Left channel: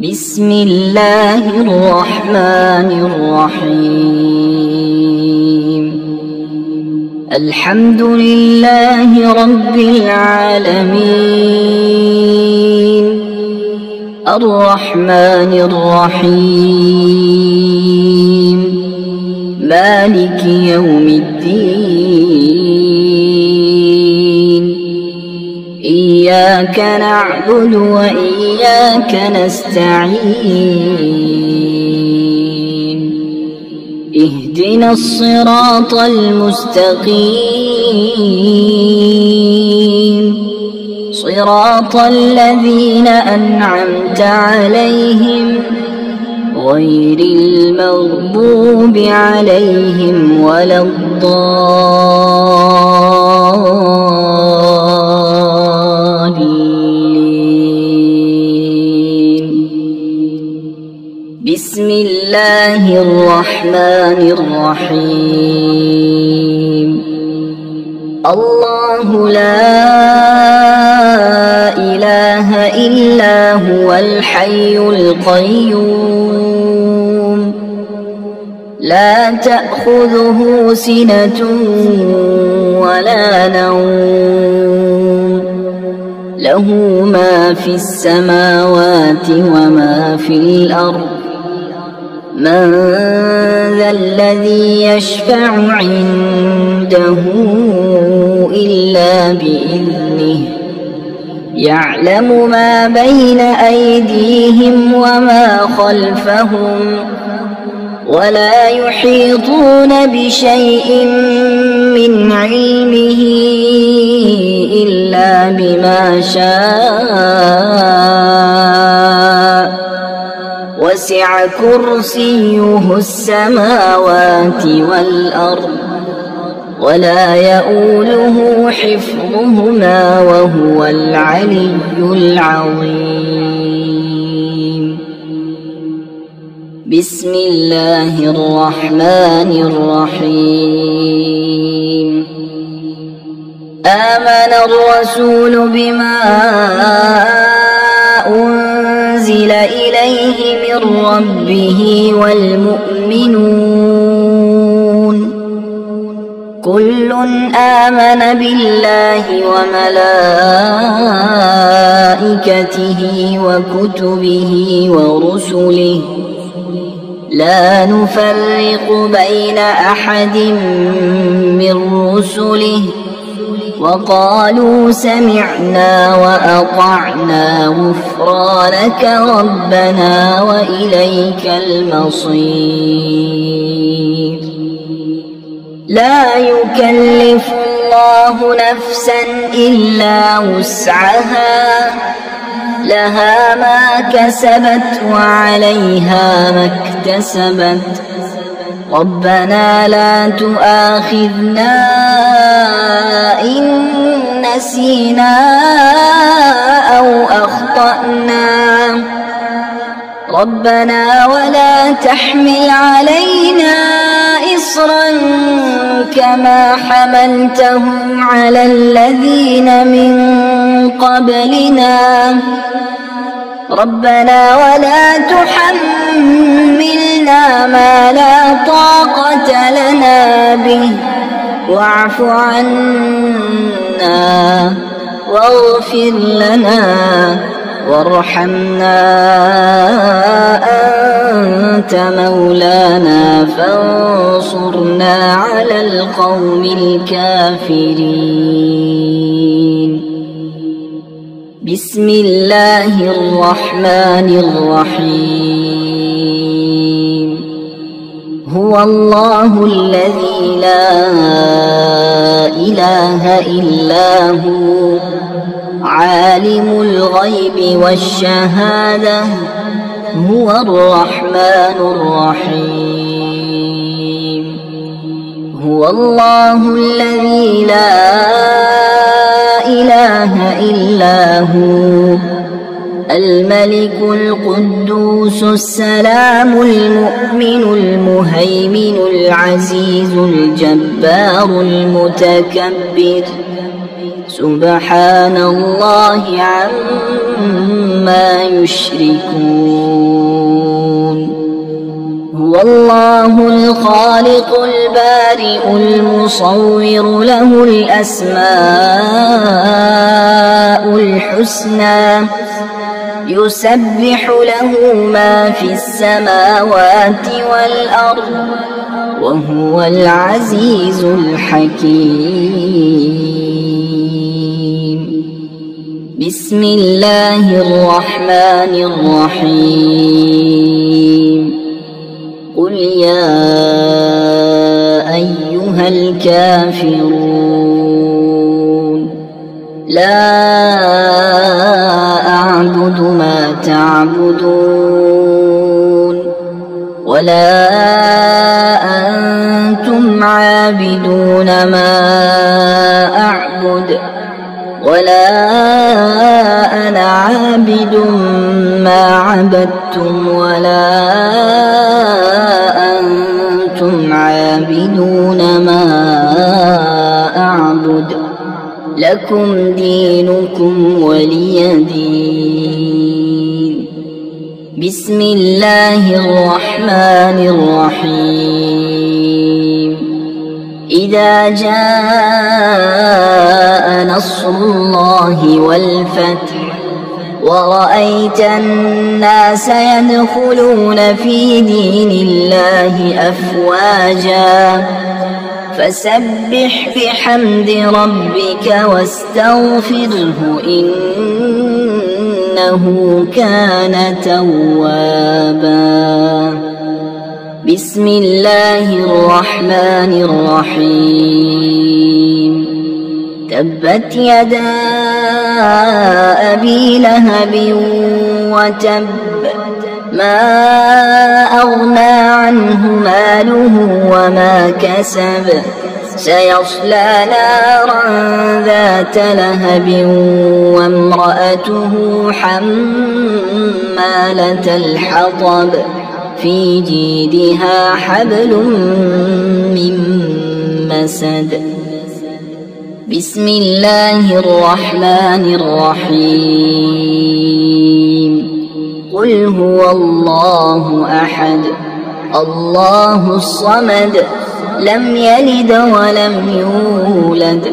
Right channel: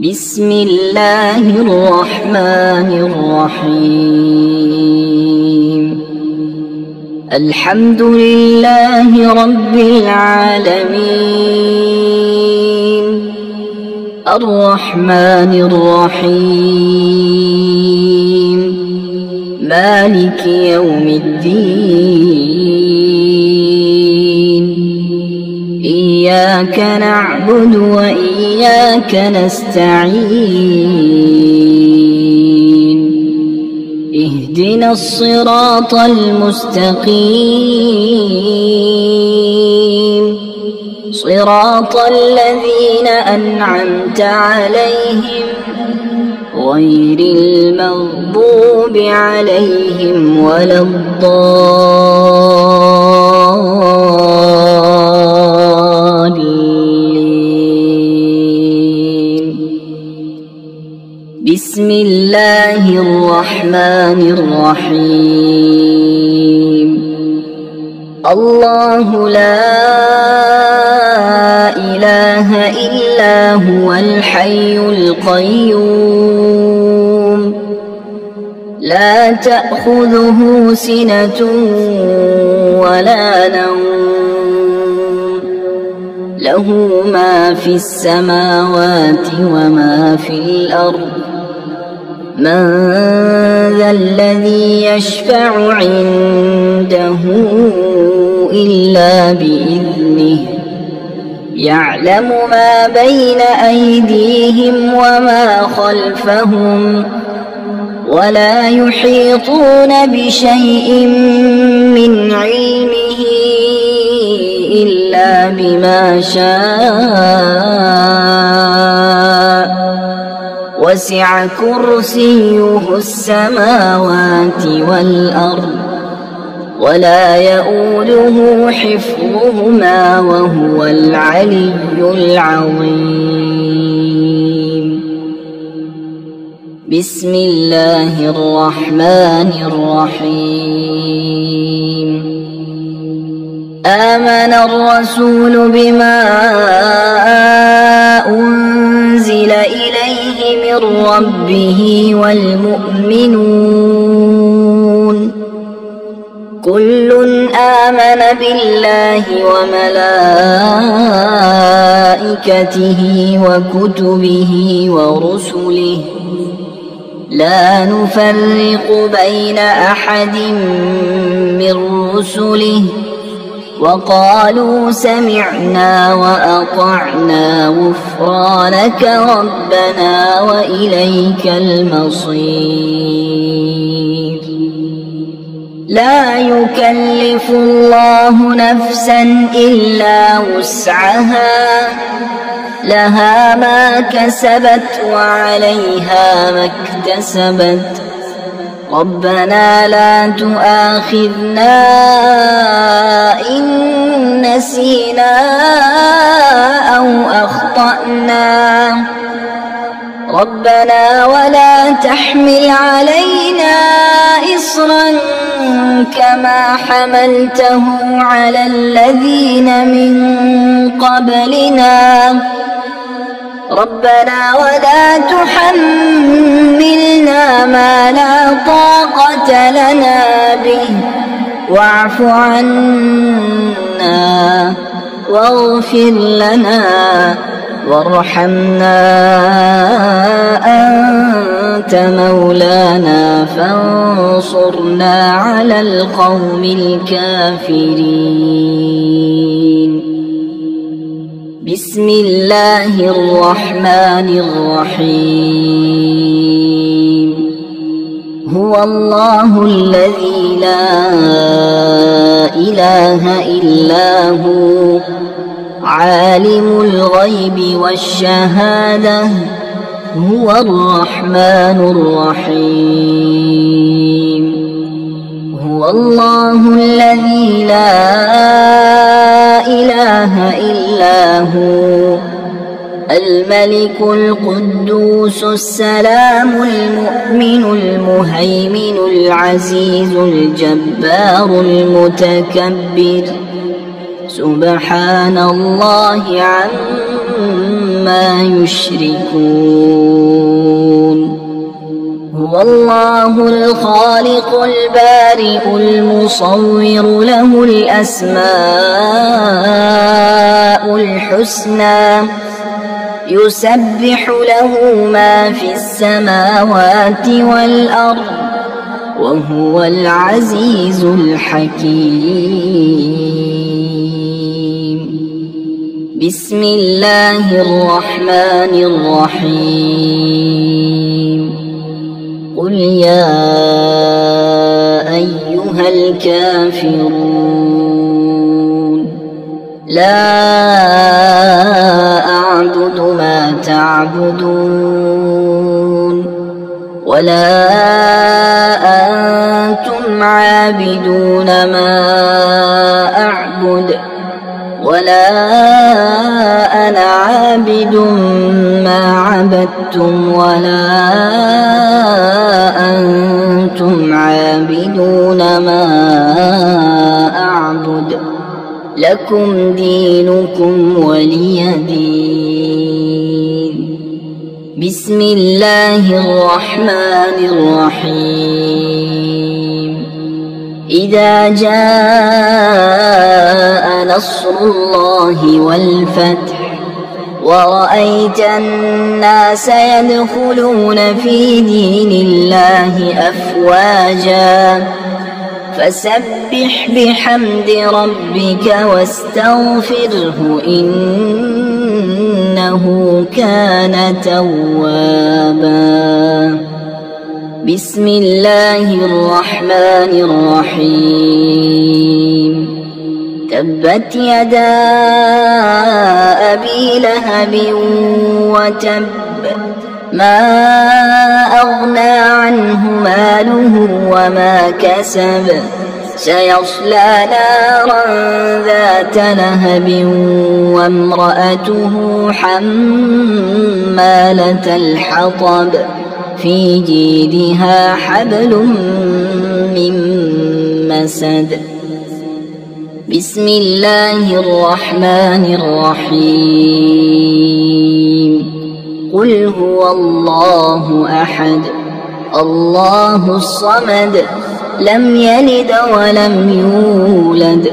بسم الله الرحمن الرحيم. الحمد لله رب العالمين، الرحمن الرحيم، مالك يوم الدين. إياك نعبد وإياك نستعين، اهدنا الصراط المستقيم، صراط الذين أنعمت عليهم غير المغضوب عليهم ولا الضالين. بسم الله الرحمن الرحيم. الله لا إله إلا هو الحي القيوم، لا تأخذه سنة ولا نوم، له ما في السماوات وما في الأرض. من ذا الذي يشفع عنده إلا بإذنه، يعلم ما بين أيديهم وما خلفهم، ولا يحيطون بشيء من علمه إلا بما شاء، وسع كرسيه السماوات والأرض، ولا يؤوله حفظهما وهو العلي العظيم. بسم الله الرحمن الرحيم. آمن الرسول بما أنزل إليه من ربه والمؤمنون، كل آمن بالله وملائكته وكتبه ورسله، لا نفرق بين أحد من رسله، وقالوا سمعنا وأطعنا غفرانك ربنا وإليك المصير. لا يكلف الله نفسا إلا وسعها، لها ما كسبت وعليها ما اكتسبت. ربنا لا تؤاخذنا إن نسينا أو أخطأنا، ربنا ولا تحمل علينا إصرا كما حملته على الذين من قبلنا، ربنا ولا تحملنا ما لا طاقة لنا به، واعف عنا واغفر لنا وارحمنا، أنت مولانا فانصرنا على القوم الكافرين. بسم الله الرحمن الرحيم. هو الله الذي لا إله إلا هو، عالم الغيب والشهادة، هو الرحمن الرحيم. هو الله الذي لا إله إلا هو، الملك القدوس السلام المؤمن المهيمن العزيز الجبار المتكبر، سبحان الله عما يشركون. هو الله الخالق البارئ المصور له الأسماء الحسنى يسبح له ما في السماوات والأرض وهو العزيز الحكيم. بسم الله الرحمن الرحيم. قل يا أيها الكافرون لا أعبد ما تعبدون ولا أنتم عابدون ما أعبد ولا أنا عابد ما عبدتم ولا أنتم عابدون ما أعبد لكم دينكم ولي دين. بسم الله الرحمن الرحيم. إذا جاء نصر الله والفتح ورأيت الناس يدخلون في دين الله أفواجا فسبح بحمد ربك واستغفره إنه كان توابا. بسم الله الرحمن الرحيم. تبت يدا أبي لهب وتب ما أغنى عنه ماله وما كسب سيصلى نارا ذات لهب وامرأته حمالة الحطب في جيدها حبل من مسد. بسم الله الرحمن الرحيم. قل هو الله أحد الله الصمد لم يلد ولم يولد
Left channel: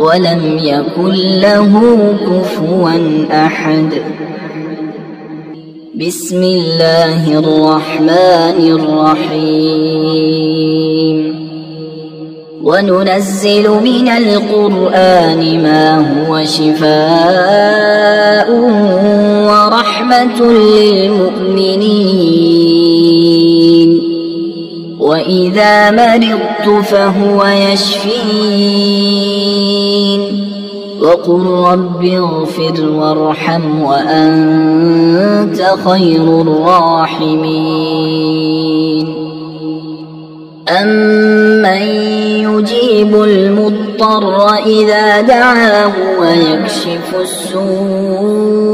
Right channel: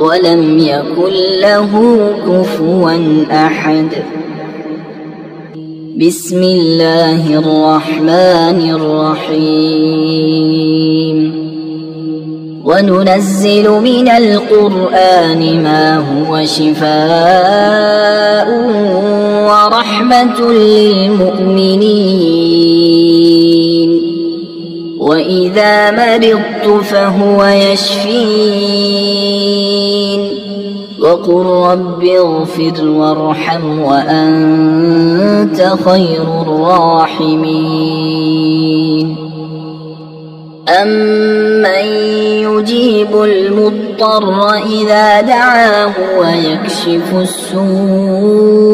ولم يكن له كفوا أحد. بسم الله الرحمن الرحيم. وننزل من القرآن ما هو شفاء ورحمة للمؤمنين وإذا مرضت فهو يشفين وقل رب اغفر وارحم وأنت خير الراحمين. أمن يجيب المضطر إذا دعاه ويكشف السوء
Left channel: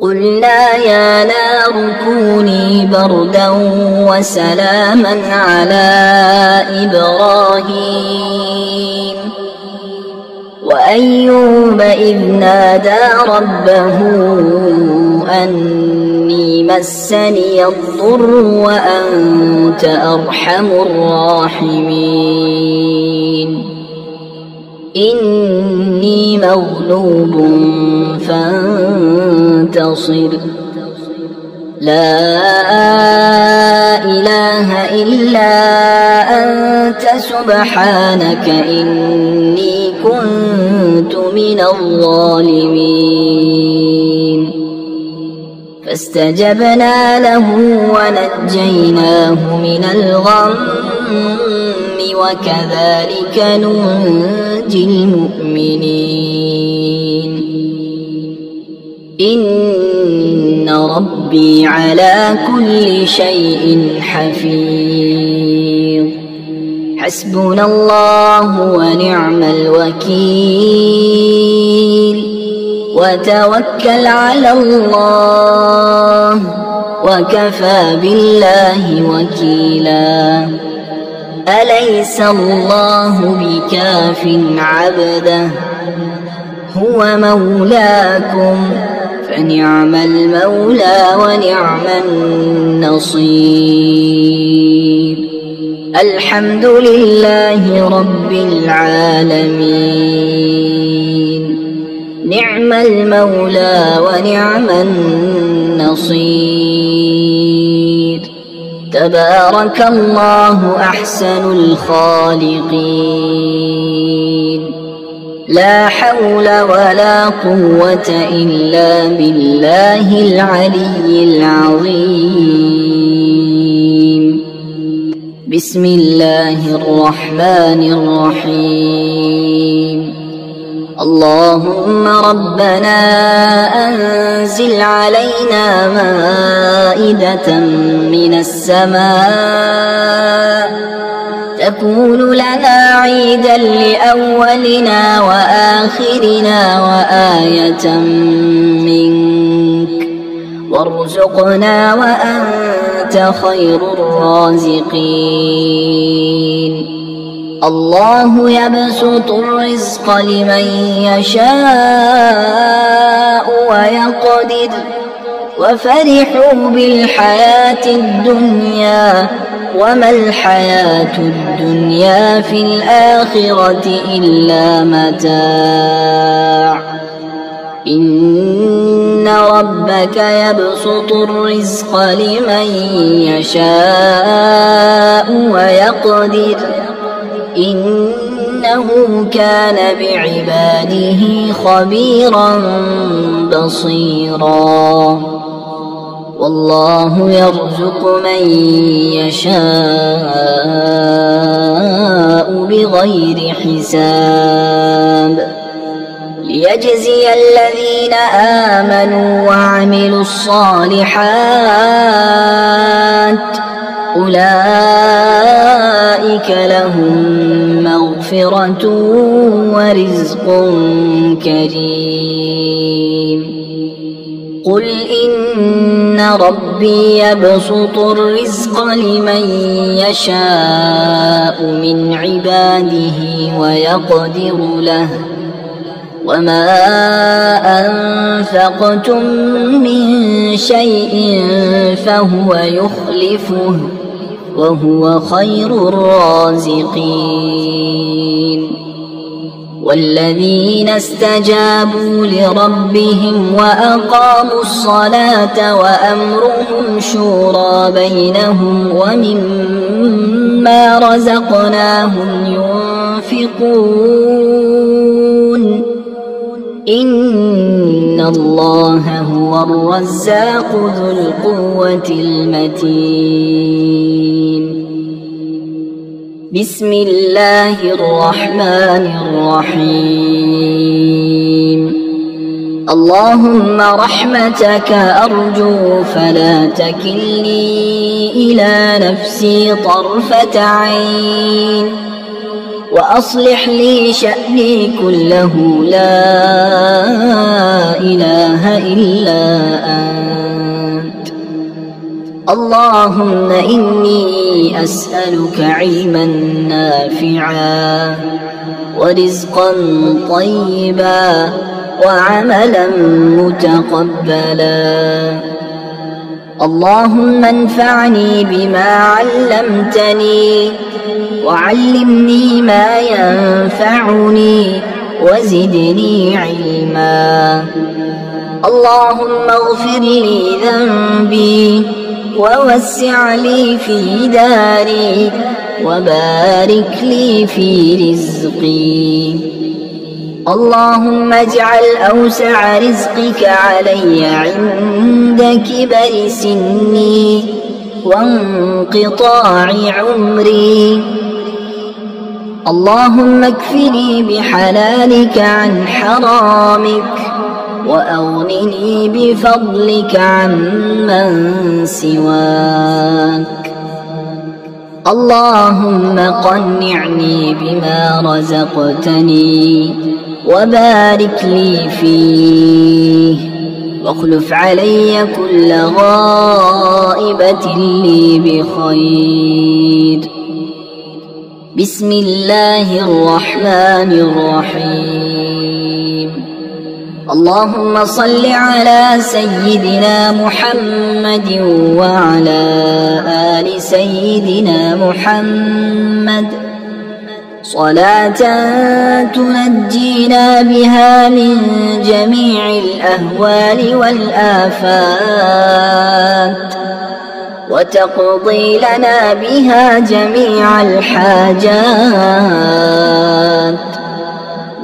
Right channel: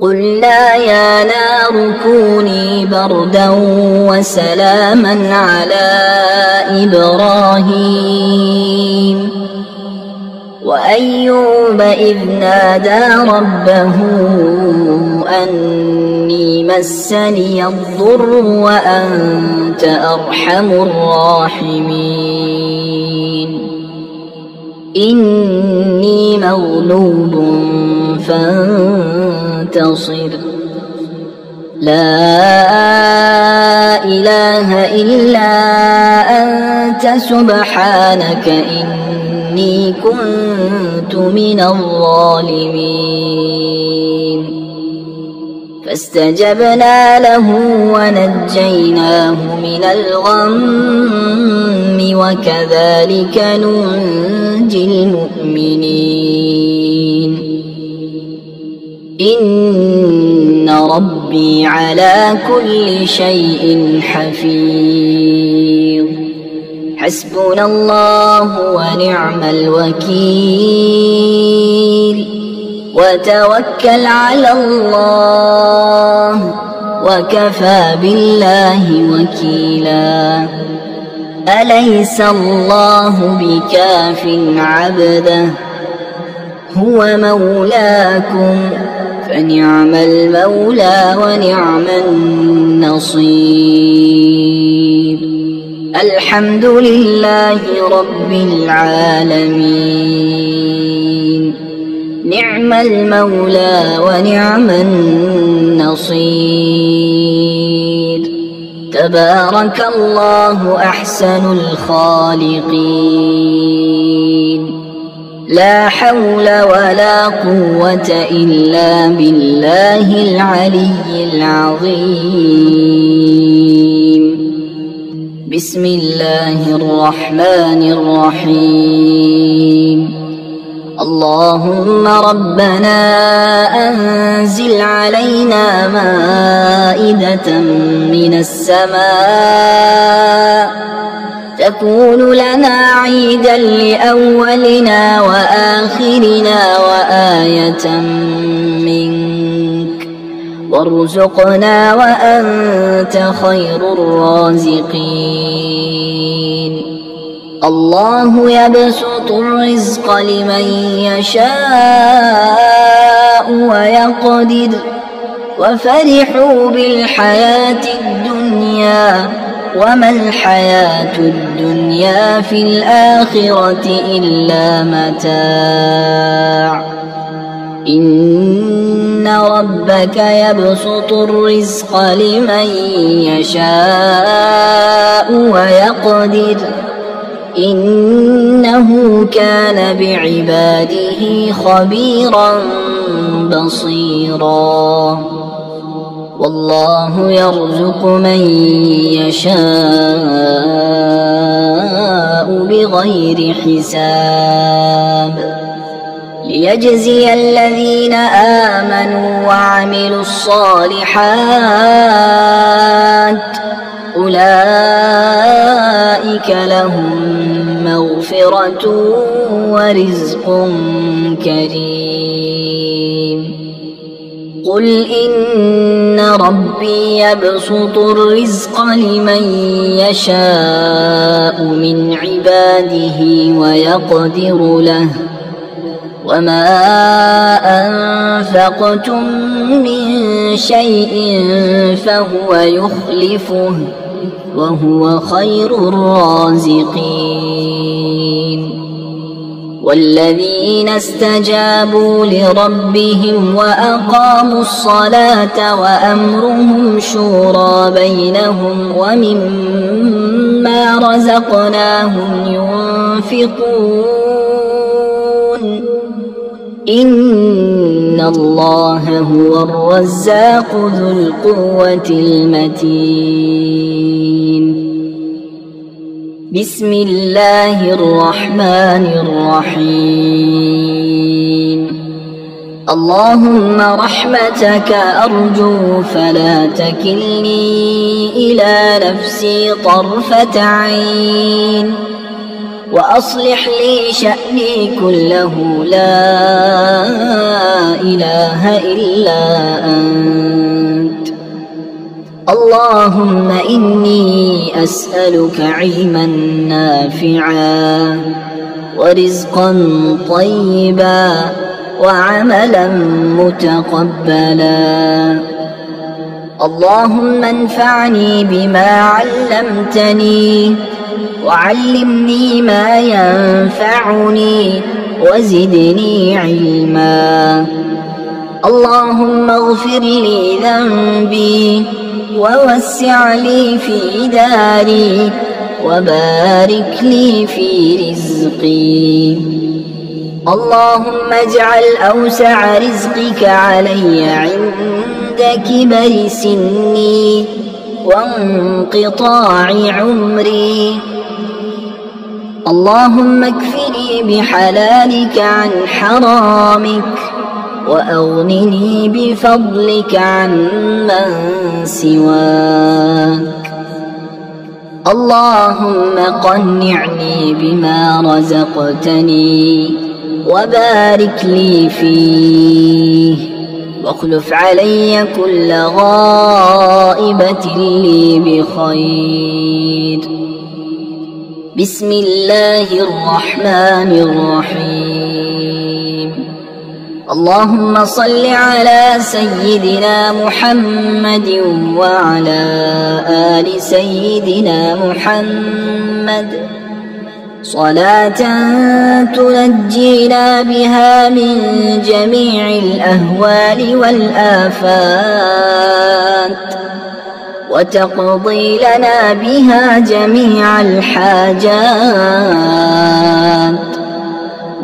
قلنا يا نار كوني بردا وسلاما على إبراهيم وأيوب إذ نادى ربه أني مسني الضر وأنت أرحم الراحمين. إني مغلوب فانتصر لا إله إلا أنت سبحانك إني كنت من الظالمين. فاستجبنا له ونجيناه من الغم وكذلك ننجي المؤمنين. إن ربي على كل شيء حفيظ. حسبنا الله ونعم الوكيل وتوكل على الله وكفى بالله وكيلا. أليس الله بكاف عبده هو مولاكم فنعم المولى ونعم النصير. الحمد لله رب العالمين نعم المولى ونعم النصير. تبارك الله أحسن الخالقين. لا حول ولا قوة إلا بالله العلي العظيم. بسم الله الرحمن الرحيم. اللهم ربنا أنزل علينا مائدة من السماء تكون لنا عيدا لأولنا وآخرنا وآية منك وارزقنا وأنت خير الرازقين. الله يبسط الرزق لمن يشاء ويقدر وفرحوا بالحياة الدنيا وما الحياة الدنيا في الآخرة إلا متاع. إن ربك يبسط الرزق لمن يشاء ويقدر إنه كان بعباده خبيرا بصيرا. والله يرزق من يشاء بغير حساب ليجزي الذين آمنوا وعملوا الصالحات أولئك لهم مغفرة ورزق كريم. قل إن ربي يبسط الرزق لمن يشاء من عباده ويقدر له وما أنفقتم من شيء فهو يخلفه وهو خير الرازقين. والذين استجابوا لربهم وأقاموا الصلاة وأمرهم شورى بينهم ومما رزقناهم ينفقون إن الله هو الرزاق ذو القوة المتين. بسم الله الرحمن الرحيم. اللهم رحمتك أرجو فلا تكلني إلى نفسي طرفة عين وأصلح لي شأني كله لا إله إلا أنت. اللهم إني أسألك علما نافعا ورزقا طيبا وعملا متقبلا. اللهم انفعني بما علمتني وعلمني ما ينفعني وزدني علما. اللهم اغفر لي ذنبي ووسع لي في داري وبارك لي في رزقي. اللهم اجعل أوسع رزقك علي عند كبر سني وانقطاع عمري. اللهم اكفني بحلالك عن حرامك وأغنني بفضلك عمن سواك. اللهم قنعني بما رزقتني وبارك لي فيه واخلف علي كل غائبة لي بخير. بسم الله الرحمن الرحيم. اللهم صل على سيدنا محمد وعلى آل سيدنا محمد صلاة تنجينا بها من جميع الأهوال والآفات وتقضي لنا بها جميع الحاجات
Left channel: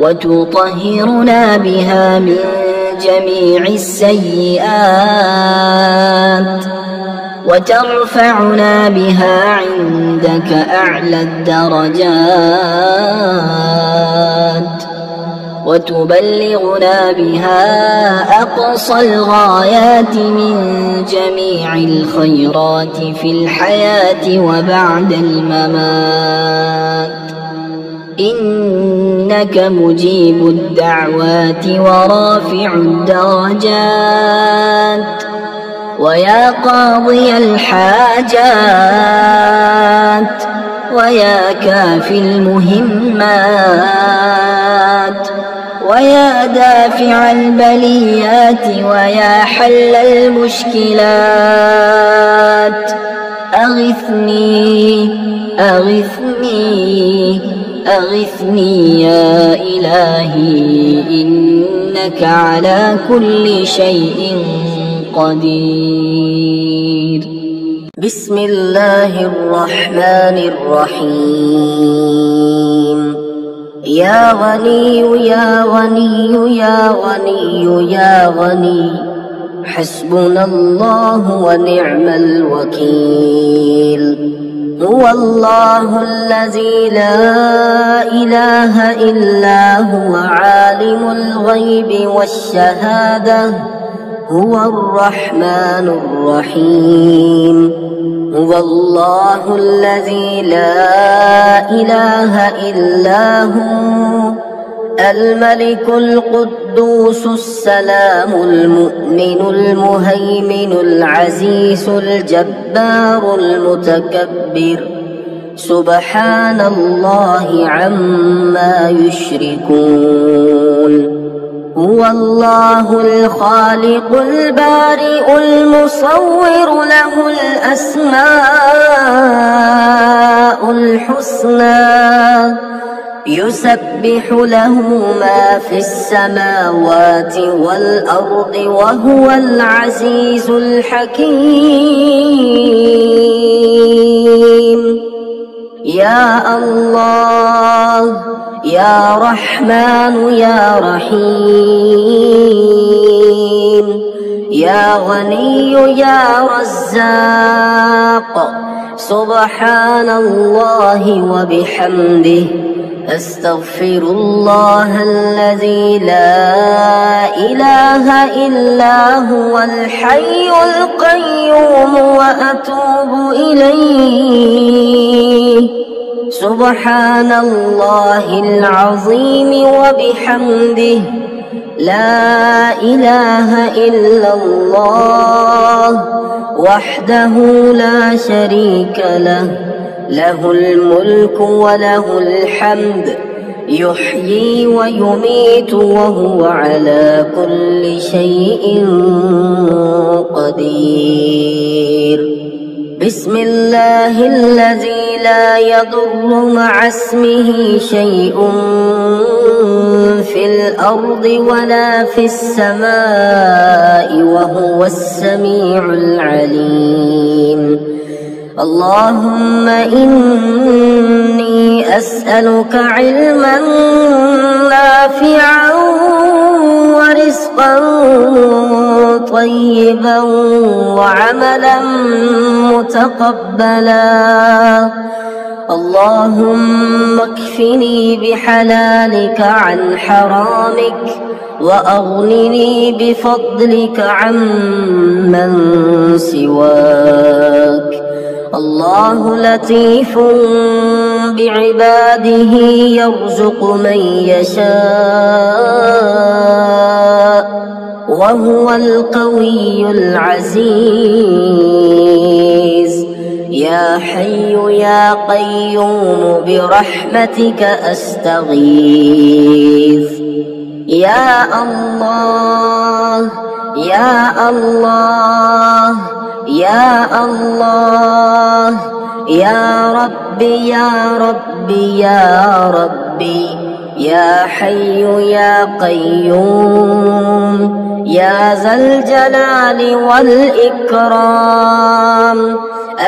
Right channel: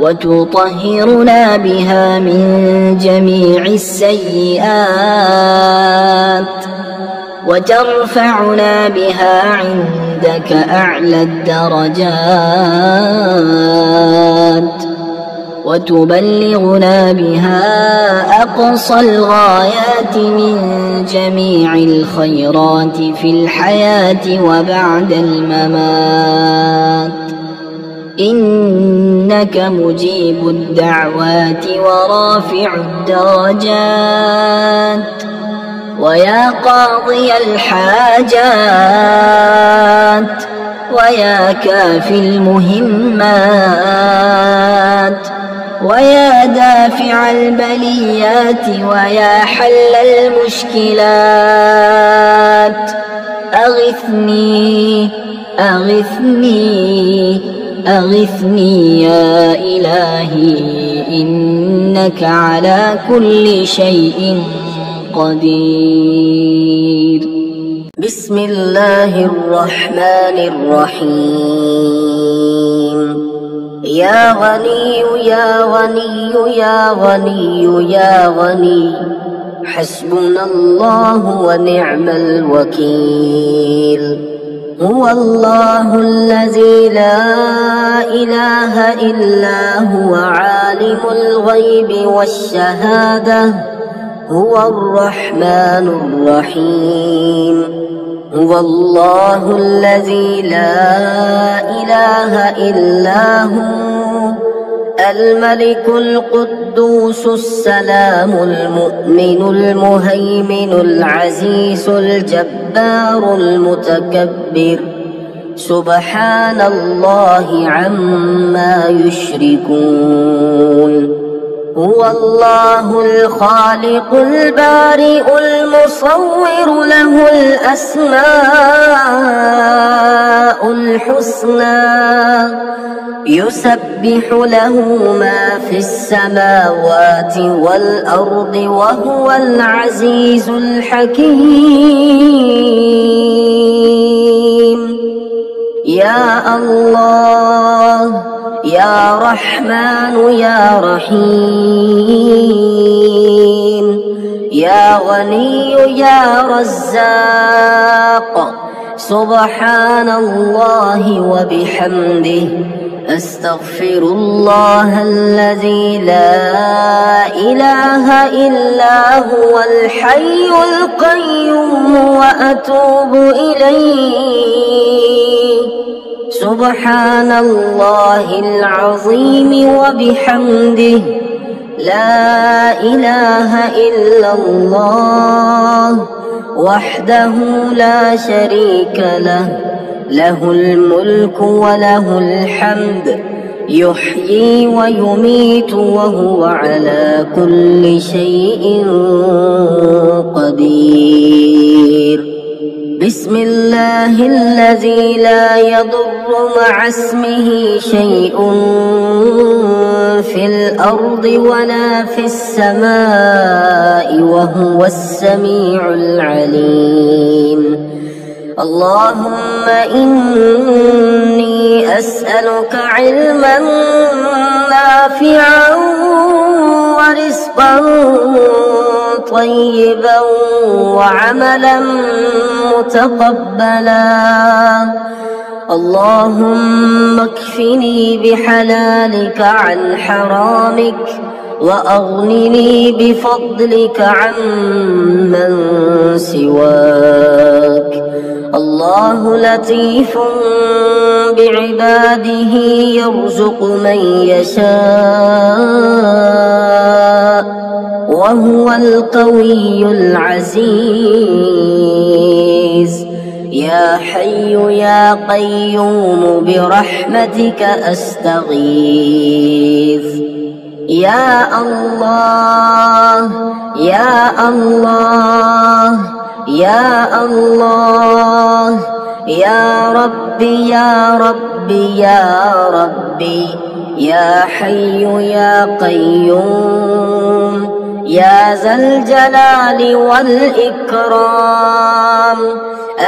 وتطهرنا بها من جميع السيئات وترفعنا بها عندك أعلى الدرجات وتبلغنا بها أقصى الغايات من جميع الخيرات في الحياة وبعد الممات، إنك مجيب الدعوات ورافع الدرجات ويا قاضي الحاجات ويا كافي المهمات ويا دافع البليات ويا حل المشكلات، أغثني أغثني أغثني يا إلهي إنك على كل شيء قدير. بسم الله الرحمن الرحيم. يا غني يا غني يا غني يا غني حسبنا الله ونعم الوكيل. هو الله الذي لا إله إلا هو عالم الغيب والشهادة هو الرحمن الرحيم. هو الله الذي لا إله إلا هو الملك القدوس السلام المؤمن المهيمن العزيز الجبار المتكبر سبحان الله عما يشركون. هو الله الخالق البارئ المصور له الأسماء الحسنى يسبح له ما في السماوات والأرض وهو العزيز الحكيم. يا الله يا رحمن يا رحيم يا غني يا رزاق سبحان الله وبحمده أستغفر الله الذي لا إله إلا هو الحي القيوم وأتوب إليه. سبحان الله العظيم وبحمده لا إله إلا الله وحده لا شريك له له الملك وله الحمد يحيي ويميت وهو على كل شيء قدير. بسم الله الذي لا يضر مع اسمه شيء في الأرض ولا في السماء وهو السميع العليم. اللهم إني أسألك علما نافعا ورزقا طيبا وعملا متقبلا. اللهم اكفني بحلالك عن حرامك وأغنني بفضلك عمن سواك. الله لطيف بعباده يرزق من يشاء وهو القوي العزيز. يا حي يا قيوم برحمتك أستغيث. يا الله يا الله يا الله يا ربي يا ربي يا ربي يا حي يا قيوم يا ذا الجلال والإكرام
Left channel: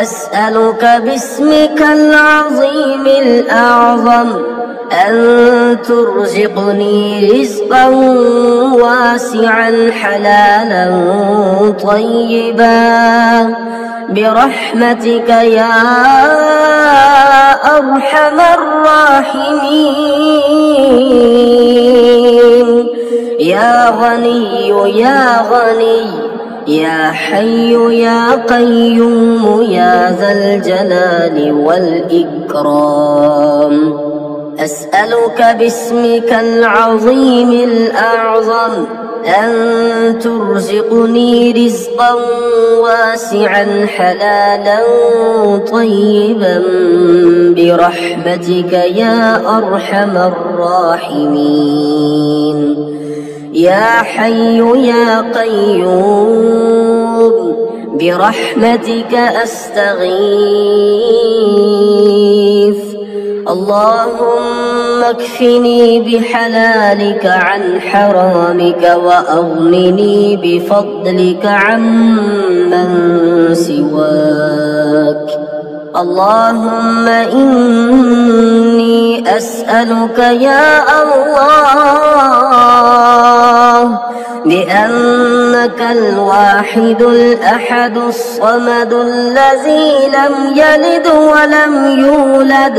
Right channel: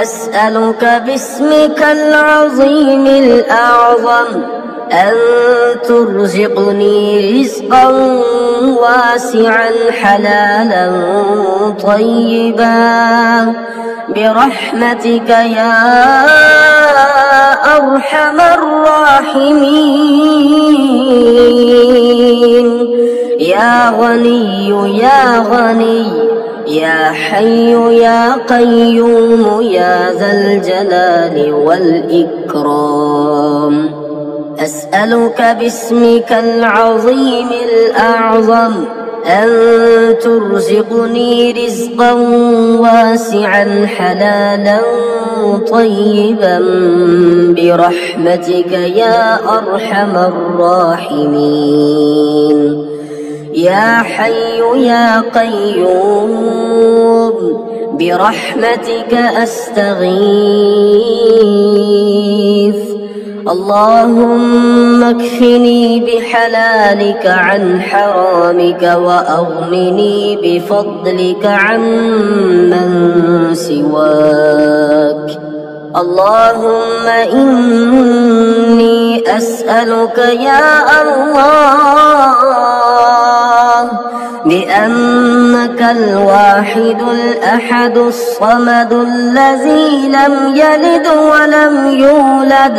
أسألك باسمك العظيم الأعظم أن ترزقني رزقا واسعا حلالا طيبا برحمتك يا أرحم الراحمين. يا غني يا غني يا حي يا قيوم يا ذا الجلال والإكرام أسألك باسمك العظيم الأعظم أن ترزقني رزقا واسعا حلالا طيبا برحمتك يا أرحم الراحمين. يا حي يا قيوم برحمتك أستغيث. اللهم اكفني بحلالك عن حرامك وأغنني بفضلك عمن سواك. اللهم إني أسألك يا الله بأنك الواحد الأحد الصمد الذي لم يلد ولم يولد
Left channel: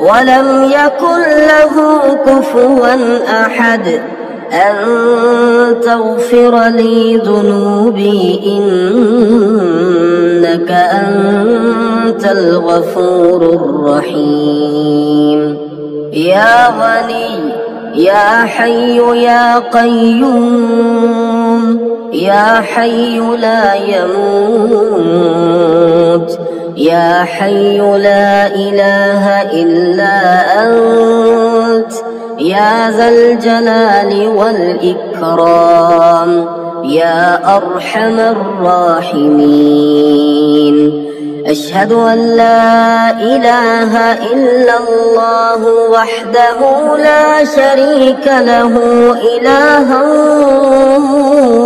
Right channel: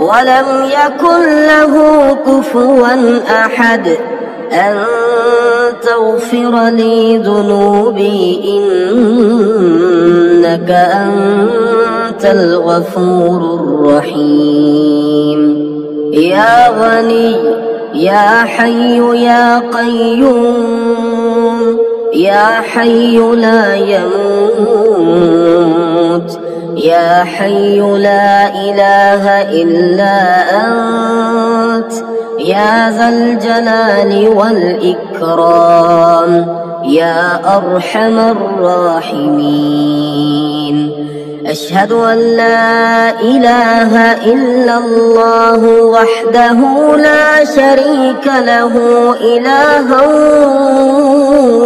ولم يكن له كفوا أحد أن تغفر لي ذنوبي إنك أنت الغفور الرحيم. يا غني يا حي يا قيوم يا حي لا يموت يا حي لا إله إلا أنت يا ذا الجلال والإكرام يا أرحم الراحمين. أشهد أن لا إله إلا الله وحده لا شريك له إلها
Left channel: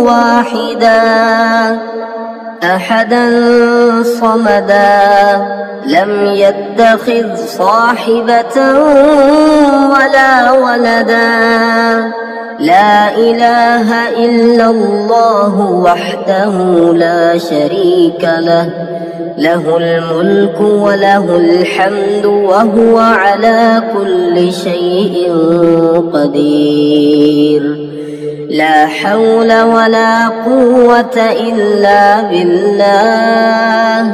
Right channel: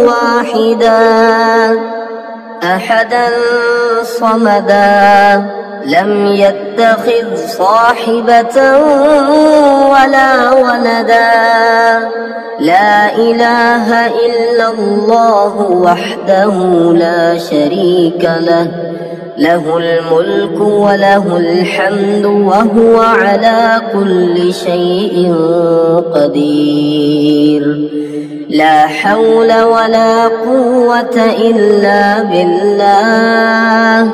واحدا أحدا صمدا لم يتخذ صاحبة ولا ولدا لا إله إلا الله وحده لا شريك له له الملك وله الحمد وهو على كل شيء قدير. لا حول ولا قوة إلا بالله.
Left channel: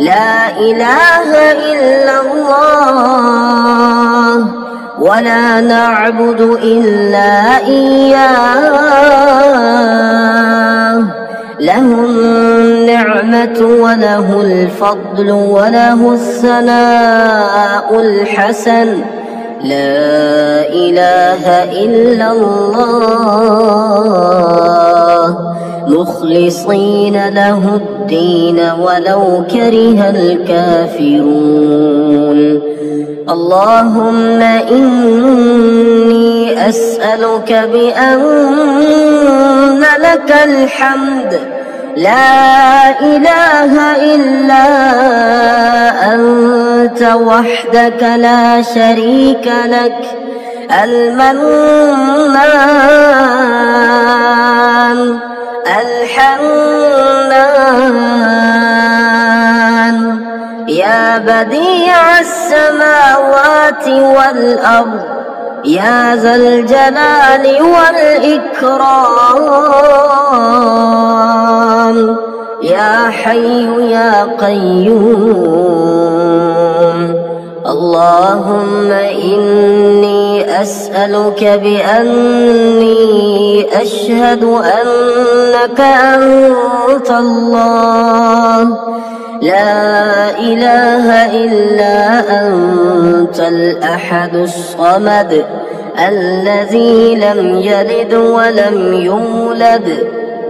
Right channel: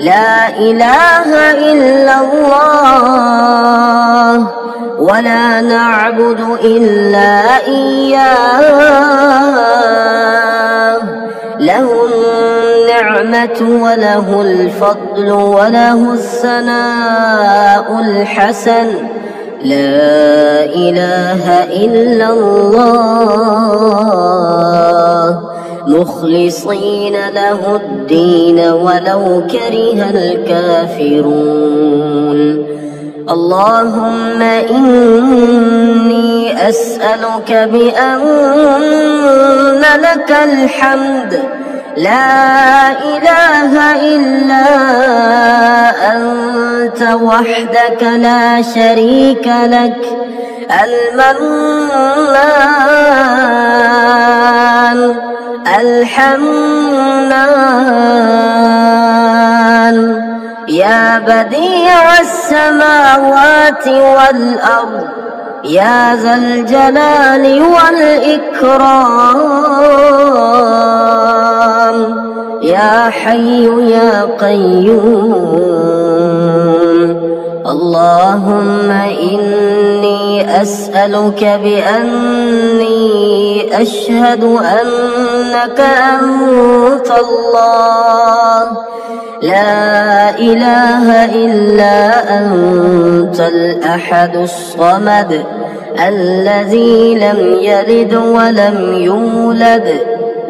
لا إله إلا الله ولا نعبد إلا إياه. له النعمة وله الفضل وله الثناء الحسن. لا إله إلا الله مخلصين له الدين ولو كره الكافرون. اللهم إني أسألك بأن لك الحمد لا إله إلا أنت وحدك لا شريك لك المنان الحنان يا بديع السماوات والأرض يا ذا الجلال والإكرام يا حي يا قيوم. اللهم إني أسألك بأني أشهد أنك أنت الله لا إله إلا أنت الأحد الصمد الذي لم يلد ولم يولد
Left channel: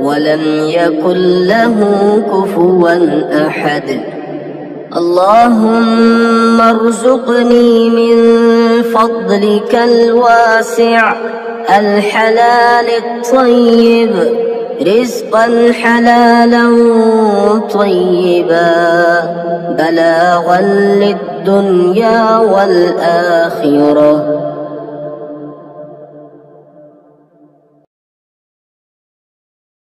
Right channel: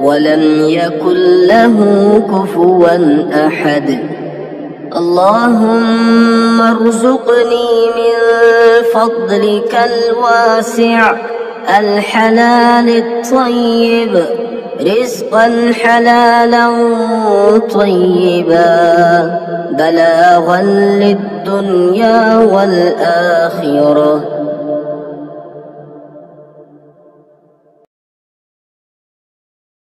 ولم يكن له كفوا أحد. اللهم ارزقني من فضلك الواسع الحلال الطيب رزقا حلالا طيبا بلاغا للدنيا والآخرة.